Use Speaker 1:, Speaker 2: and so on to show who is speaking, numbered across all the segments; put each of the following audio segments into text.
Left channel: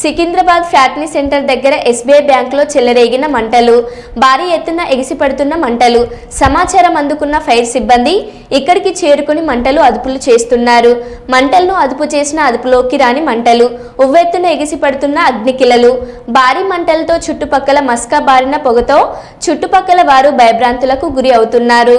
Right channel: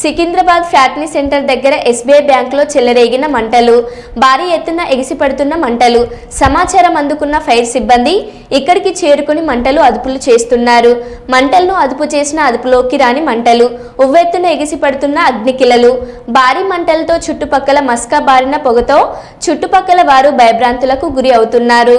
Speaker 1: Secunderabad factory centre దగ్గర SBI బ్యాంకులో చెలరేగిన మంటలు భారీ ఎత్తున ఎగిసిపడుతున్న మంటలు సమాచారం అందుకున్న ఫైర్ సిబ్బంది ఇక్కడికి చేరుకుని మంటలు అదుపులు చేస్తున్నారు. మంటలను అదుపు చేసిన అదుపులోకి రాని మంటలు ఉవ్వెత్తున ఎగిసిపడుతున్న అగ్నికిలలు భారీ మంటలతో చుట్టుపక్కల మస్కా బారిన పొగతో చుట్టుపక్కల వారు భయభ్రాంతులకు గురి అవుతున్నారు.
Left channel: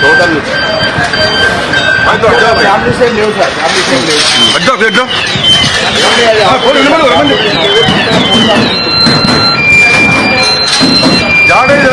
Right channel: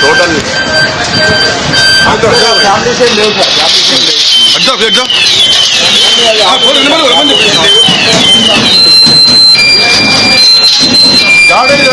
Speaker 2: टोटल फैमिली से ले फैमिली से ले ஜாடேஜ்